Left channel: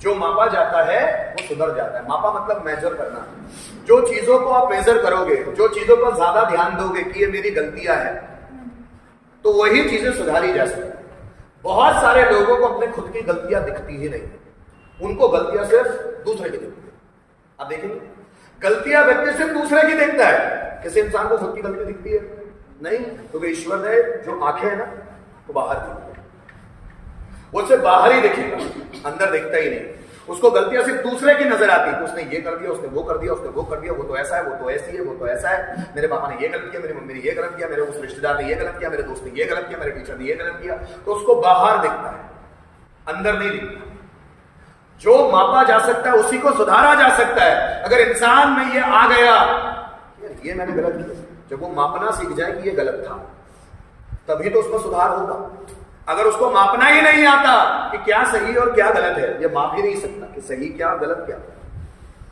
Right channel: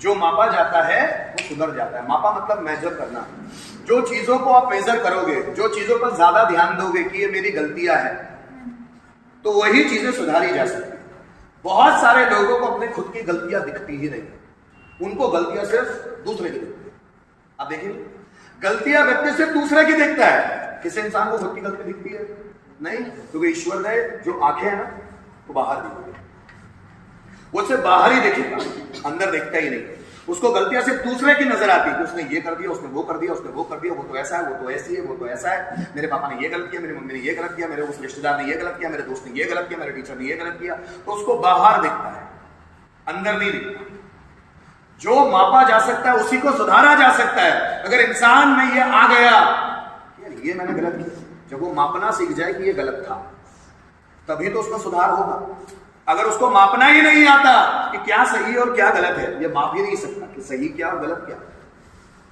जो मापा जाता है वो सुधर जाता है। मापा मतलब मेजर करना। जो चीजों को आप मेजर करोगे, जो चीजों पर ज्यादा ध्यान दोगे कि ये मेरी गलतियां हैं, तो वही चीजें सुधारी जा सकती। बहुत सारे लोगों को अपने खुद की गलतियां दिखती ही नहीं, उनको गलतियां सिर्फ दूसरे की दिखती है। आप देखेंगे गलतियां व्यक्ति सिर्फ दूसरे की दिखता है, किसी इंसान को खुद की गलती दिखती है नहीं, क्योंकि ईश्वर ने जो आंखें है ना वो बाहर दिखती है, वो सिर्फ बाहर ही देखेगा, अंदर देखता ही नहीं। उसको गलतियां सिर्फ दूसरे की नजर आती है, उसने ये कर दिया, उसने वो कर दिया, उसने वो कर दिया, वो तो ऐसा है, वो तो ऐसी है, वो तो ऐसा है, मेरे पापा ने ये गलत किया, मेरी मम्मी ने ये गलत किया, मेरे उस रिश्तेदार ने ये गलत किया, मेरे दोस्त ने ये गलत किया, मेरे टीचर ने ये गलत किया। तो उसको बाहर दिखता है, अंदर नहीं दिखता। जो मापा जा सकता है उसी को सुधारा जा सकता है। अगर इंसान में ये आ गया ये मैंने गलत किया, जब वो मापना सीख जाए कि ये गलत था, तभी तो उसका सुधार होगा। अगर उसको मापना ही नहीं आता कि क्या सही और क्या गलत है, ये माप ही नहीं सकता कि सही क्या और गलत क्या,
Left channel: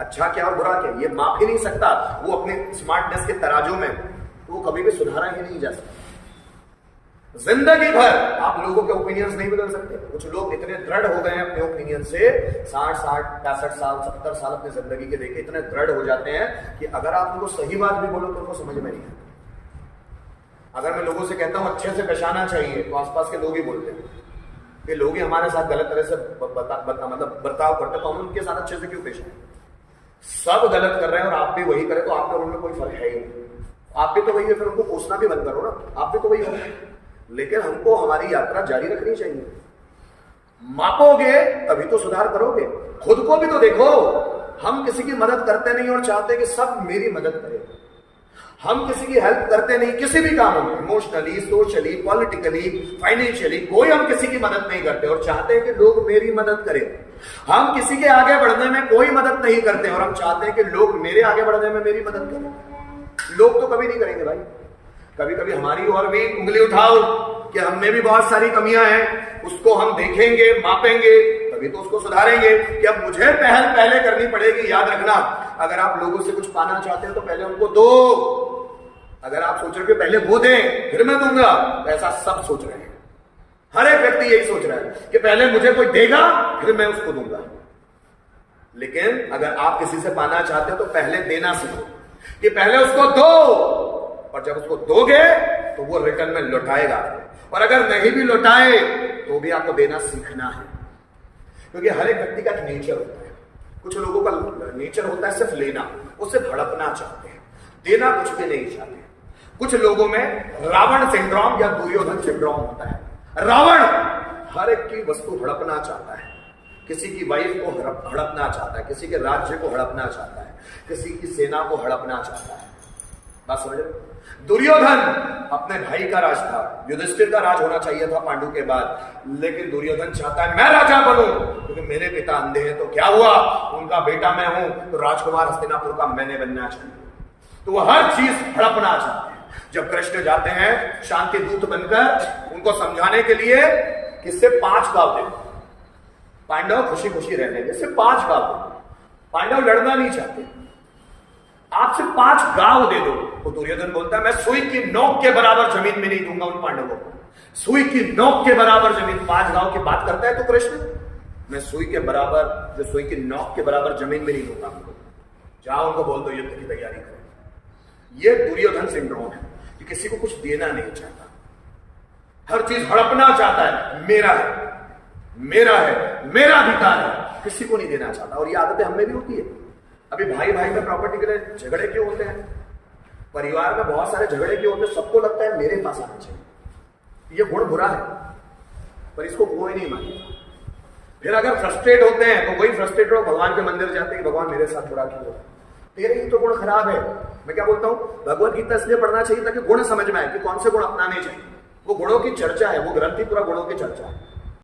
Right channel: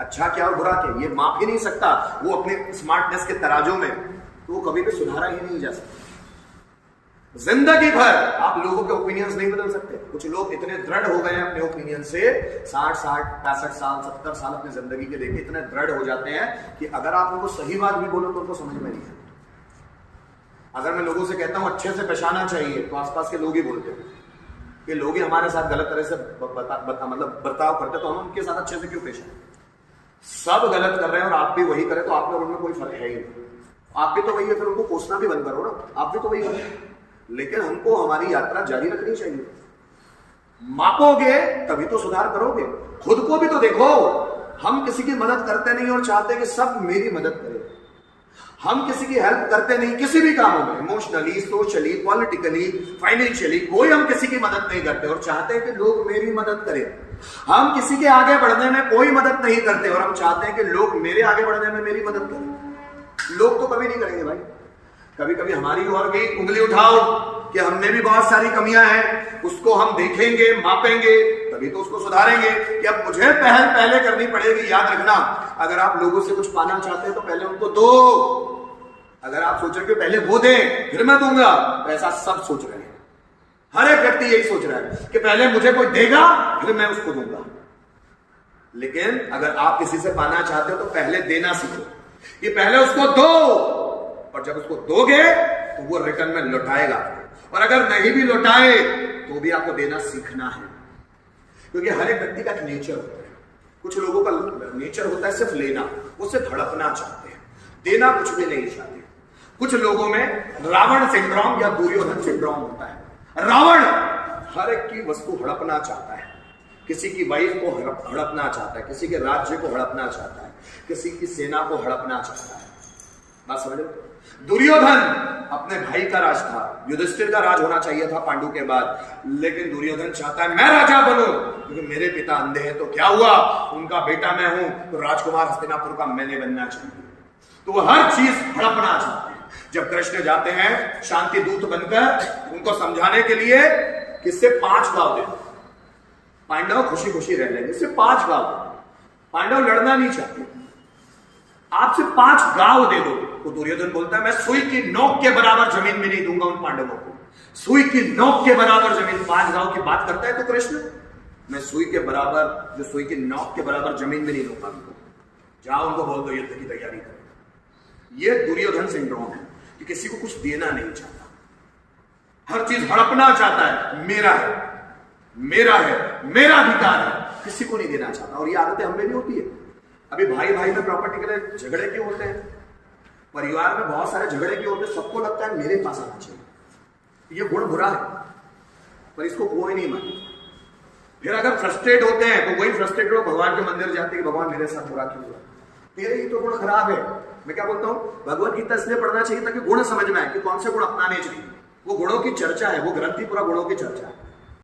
अच्छा क्या और बुरा क्या, ये माप ही नहीं सकता वो अपने स्मार्टनेस के तराजू में, तो वो कभी भी सुधारा ही नहीं जा सकता। जिंदगी भर आप लोगों के ओपिनियंस नहीं बदल सकते। कुछ लोग इतने दृढ़ हो गए हैं अपने ओपिनियन से, 60, 65 साल 70 साल अपनी जिंदगी के लेके इतने दृढ़ हो जाते हैं कि अगर आप उनको सही बात भी बोलो तो उनको समझ में नहीं आता। अगर मैं लोगों से कहता हूं अच्छे से पहचाना चाहिए, तो आसपास के लोग ही बोलते हैं ये लोग ही हमारे साथ गलत तरह से मतलब बर्ताव करते, तो हम उनके साथ अच्छे से क्यों पेश आए? सब गलत कर रहे हैं और आप भी वही करें तो आप लोग उनमें कोई फर्क है ही नहीं। आप भी तो वही है, फिर उनको कोसना भी बंद करो ना, आप भी तो वही हो। लेकिन हमको हमारी यात्रा जारी रखनी चाहिए। मापोगे तभी तो सुधार करोगे। खुद को भी तो देखो, हम किसी की मदद करते नहीं और चाहते कि सब मेरी मदद करें। हम किसी की हेल्प करते नहीं किसी भी कामों में, इमोशनली, सोशली, पॉलिटिकली, फाइनेंशियली, कोई हम किसी की मदद नहीं करते और चाहते हैं कि लोग मेरी मदद करें। हम किसी के आगे बढ़ने में कोई मदद नहीं करते और हम चाहते हैं कि लोग मेरे आगे बढ़ने में मेरी मदद करें। लोग तो कभी नहीं करेंगे भाई। कभी कभी हमारी और भी उंगली उठाओ कि हम में भी बहुत सारी कमियां हैं, उसको हम देखेंगे, मापेंगे, तभी तो उसको सुधारेंगे। कि अब मुझे पहले करनी पड़ेगी। याद रखना, अगर आप लोगों से कुछ पाना चाहते हो तो पहले उनको दो। अगर आप सोच रहे हो पहले वो दें फिर मैं दूंगा, तो ऐसा सब सोच रहे हैं। हर एक व्यक्ति यही सोच रहा है कि पहले मुझे कोई देगा फिर मैं उसको दूंगा। लेकिन अगर आप किसी से पाना चाहते हो तो पहले देना सीखो, कि पहले उसको दो, और जब उसको दोगे तो वो रिटर्न में लौटाएगा। और अगर नहीं भी लौटाए तो भी आपको देना सीखना है, क्योंकि हर एक व्यक्ति का एक नेचर होता है। कुछ लोगों का नेचर होता है सिर्फ लेना, वो सिर्फ हड़पना चाहते हैं, देना कुछ भी नहीं चाहते। कुछ लोगों में रावण सिंड्रोम या दुर्योधन सिंड्रोम होता है। रावण हर एक की वस्तु हड़पना चाहता है, किसी की वाइफ को हड़पना चाहता है, किसी के राज्य को हड़पना चाहता है, किसी की सेना को हड़पना चाहता है। बात समझ रहे? दुर्योधन अपने भाई का राज था, युधिष्ठिर का राज होना चाहिए था पांडु के बाद, लेकिन दुर्योधन चाहता है मैं राजा बनूं, क्योंकि मेरे पिता अंधे हैं। तो क्या हुआ, उनका बेटा मैं हूं, तो राजकुमार हस्तिनापुर का मैंने बनना चाहिए। तो वो हर चीज हड़पना चाहते हैं। जब कृष्ण जाते हैं शांति दूत बनकर उनको समझाने के लिए कि सिर्फ 5 गांव दे, पांडव खुशी खुशी रह लेंगे, सिर्फ 5 गांव। पांडव लड़ना नहीं चाहते, आप सिर्फ 5 गांव दे दो। तो दुर्योधन बोलता है मैं सुई की नोक के बराबर जमीन में नहीं दूंगा उन पांडवों को। सुई की नोक के बराबर जमीन, 5 गांव की बात करता है तो कृष्ण, मैं सुई के बराबर, जो सुई की नोक के बराबर जमीन में नहीं दूंगा उनको। जाओ उनको बोल दो युद्ध की तैयारी करें। ये दुर्योधन सिंड्रोम है कि किसी को कुछ देना नहीं चाहता, हर चीज हड़पना चाहता है, मेरा है, मेरा है, मेरा अधिकार है, किसी को नहीं देना चाहता। और ये आदतें हमें भी होती है। अभी भाई भाई में प्रॉपर्टी के लिए झगड़े क्यों होते हैं? परिवार में बहुत सारे झगड़े क्यों होते हैं? सबको लगता है मेरे पास आना चाहिए। ये गुण बुरा है, पर इसको कोई नहीं मानता। फिर अगर फ्रस्ट्रेट होते हैं तो वही फ्रस्ट्रेट लोग भगवान के मंदिर जाते हैं कि भगवान मेरे साथ बुरा क्यों हुआ, तेरे ही तो गुण खराब है। मैं क्या बोलता हूं, भगवत गीता इसलिए पढ़ना चाहिए ताकि गुण समझ में आए कि कौन से गुण अपनाने चाहिए। वो गुणों की चर्चा है, वो ग्रंथ ही पूरा गुणों की चर्चा है।